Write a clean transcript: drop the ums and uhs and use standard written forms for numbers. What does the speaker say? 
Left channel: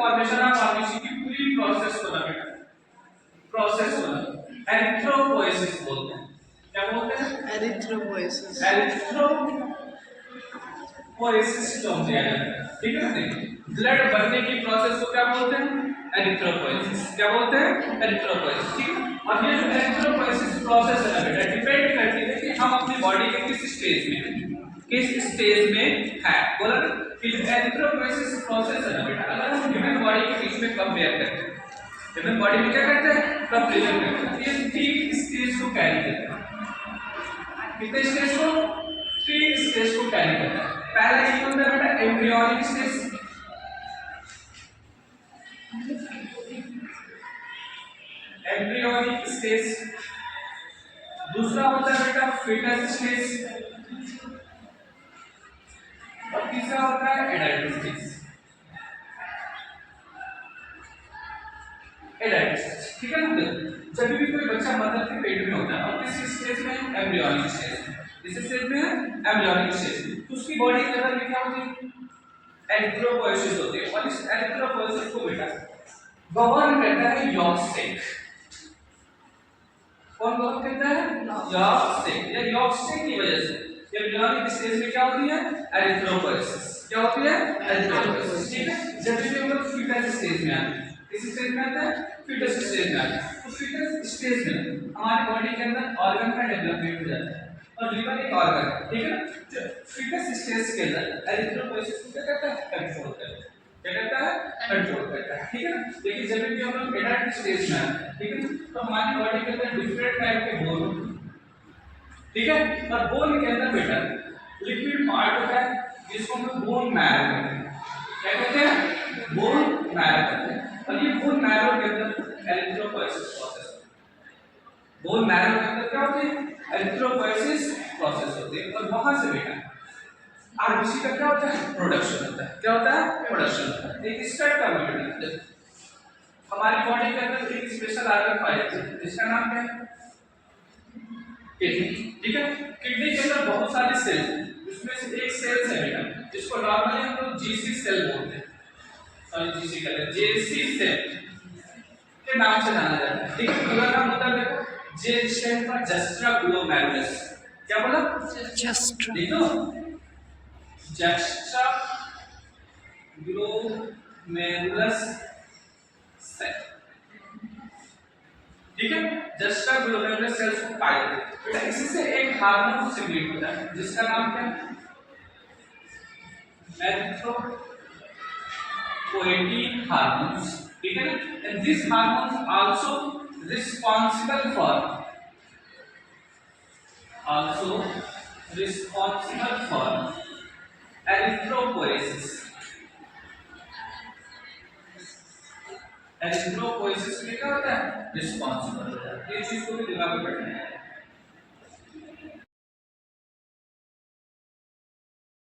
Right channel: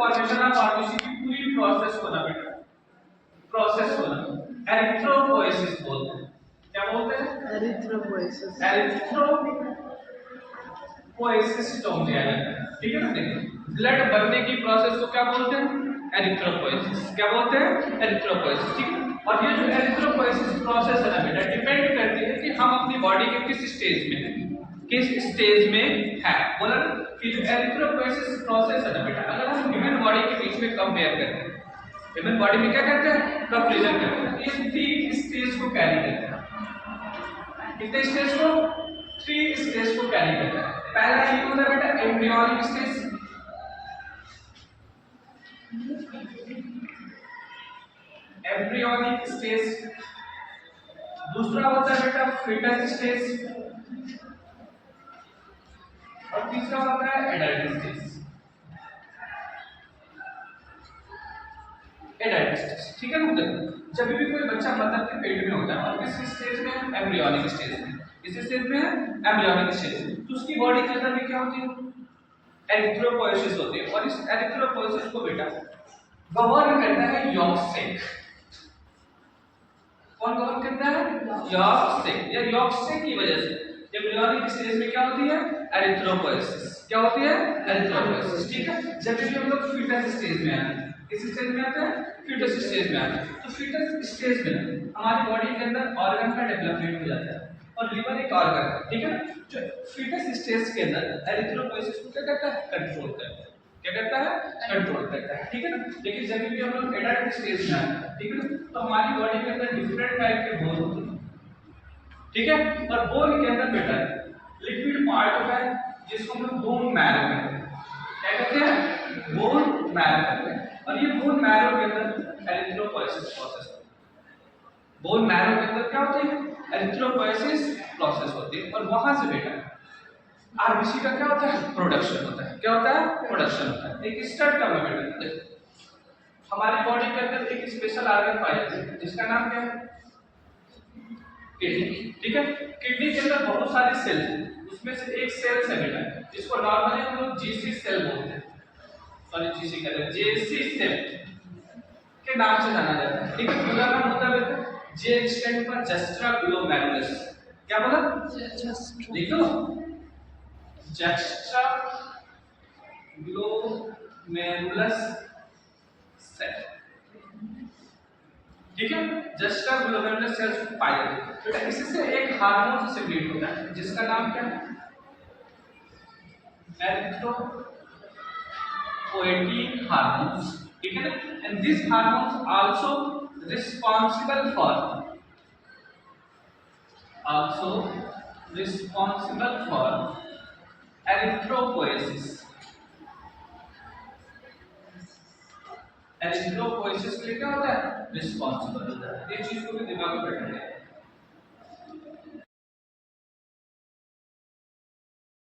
Formation of RBC की पूरी process को ना बेटा, प्रोसेस को ना एरिथ्रोपोएसिस बोलते हैं। क्या बोलते हैं? एरिथ्रोपोएसिस। एरिथ्रोपोएसिस टर्म दिया गया है, ठीक है ना। देखिए ब्लड बनने की प्रोसेस को क्या बोलते हैं? एरिथ्रोपोएसिस। क्या बोलते हैं? एरिथ्रोपोएसिस, ठीक है। और ये जो एरिथ्रोपोएसिस प्रोसेस है ना बेटा, डिपेंड करती है कि हम अपनी बॉडी के किस स्टेज में हैं, किस स्टेज में है। बोला ना कि जो एरिथ्रोपोएसिस प्रोसेस है ना बेटा, अगर हम ह्यूमन बॉडी के बीच में कंपेयर करते हैं, ह्यूमन बॉडी में क्या करते हैं? कंपेयर करते हैं, ये 3 स्टेज को कैरी करता है। कितने स्टेज को? 3 स्टेज को कैरी करता है। पहला ये होता है बेटा एम्ब्रियोनिक स्टेज, एम्ब्रियोनिक स्टेज। दूसरा होता है बेटा फीटस स्टेज, और तीसरा होता है एडल्ट स्टेज। एडल्ट स्टेज, ठीक है ना। जब भी कोई बच्चा मदर के पेट में होता है और किस स्टेज में? एम्ब्रियोनिक स्टेज में। इस स्टेज में एम्ब्रियोनिक स्टेज में, तो उसकी बॉडी के अंदर क्या होती है? एरिथ्रोपोएसिस होती है। और इस एरिथ्रोपोएसिस को बेटा गवर्न करता है यॉर्क स्टेक। कौन गवर्न करता है? यॉर्क स्टेक। या यॉर्क स्टेक की वजह से एम्ब्रियोनिक स्टेज में क्या होती है? एरिथ्रोपोएसिस। क्या होती है? एरिथ्रोपोएसिस, ठीक है। जब भी हम लोग फीटस स्टेज में आते हैं, किस स्टेज में आते हैं? फीटस स्टेज में आते हैं। तो फीटस स्टेज में हमारी बॉडी के अंदर ऑर्गन का डेवलपमेंट हो जाता है, और लिवर एक ऑर्गन है, ठीक है। जो फीटस स्टेज के अंदर एरिथ्रोपोएसिस को क्या करता है? कंट्रोल करता है। क्या करता है? कंट्रोल करता है, ठीक है ना। लेकिन जब भी हम लोग एडल्ट स्टेज में आते हैं, ठीक है, तो हमारी बॉडी के अंदर डिफरेंट टाइप के बोन होते हैं, ठीक है। और बोन के अंदर बेटा लिक्विड पार्ट होता है जिसको हम लोग बोन मैरो कहते हैं। क्या कहते हैं? बोन मैरो कहते हैं। और ये बोन मैरो के अंदर एरिथ्रोपोएसिस प्रोसेस होती है। बोन मैरो के अंदर क्या होती है? एरिथ्रोपोएसिस प्रोसेस होती है। और वहां से बेटा आरबीसी का क्या होता है? प्रोडक्शन होता है। क्या होता है? प्रोडक्शन होता है। एक स्टड का बेटा, हमारी बॉडी के अंदर एक स्पेशल ऑर्गन पाया जाता है जिसका नाम क्या है? किडनी, ठीक है। किडनी के अंदर बहुत सारी सेल्स हैं, उसमें से एक सेल्स है बेटा जिसको नॉर्मली हम लोग जीसी सेल बोलते हैं, सॉरी जीसी कहते हैं, जेसी सेल के नाम से जाना जाता है, ठीक है। पूरा नाम होता है बेटा जे स्टैंड फॉर जस्ट्रा ग्लोमेरुलस। क्या बोला? जस्ट्रा। लिखो जस्ट्रा ग्लोमेरुलस सेल, ठीक है। जस्ट्रा ग्लोमेरुलस सेल्स को पाया जाता है बेटा। इसी से एक हार्मोन सिक्रीट होता है जिसका नाम क्या है? एरिथ्रोपोएटिक हार्मोन्स, ठीक है ना। And this hormones also responsible for erythropoiesis. Erythropoiesis के लिए क्या होता है? रिस्पांसिबल होता है। ये चीज को भी दिमाग में रखना है।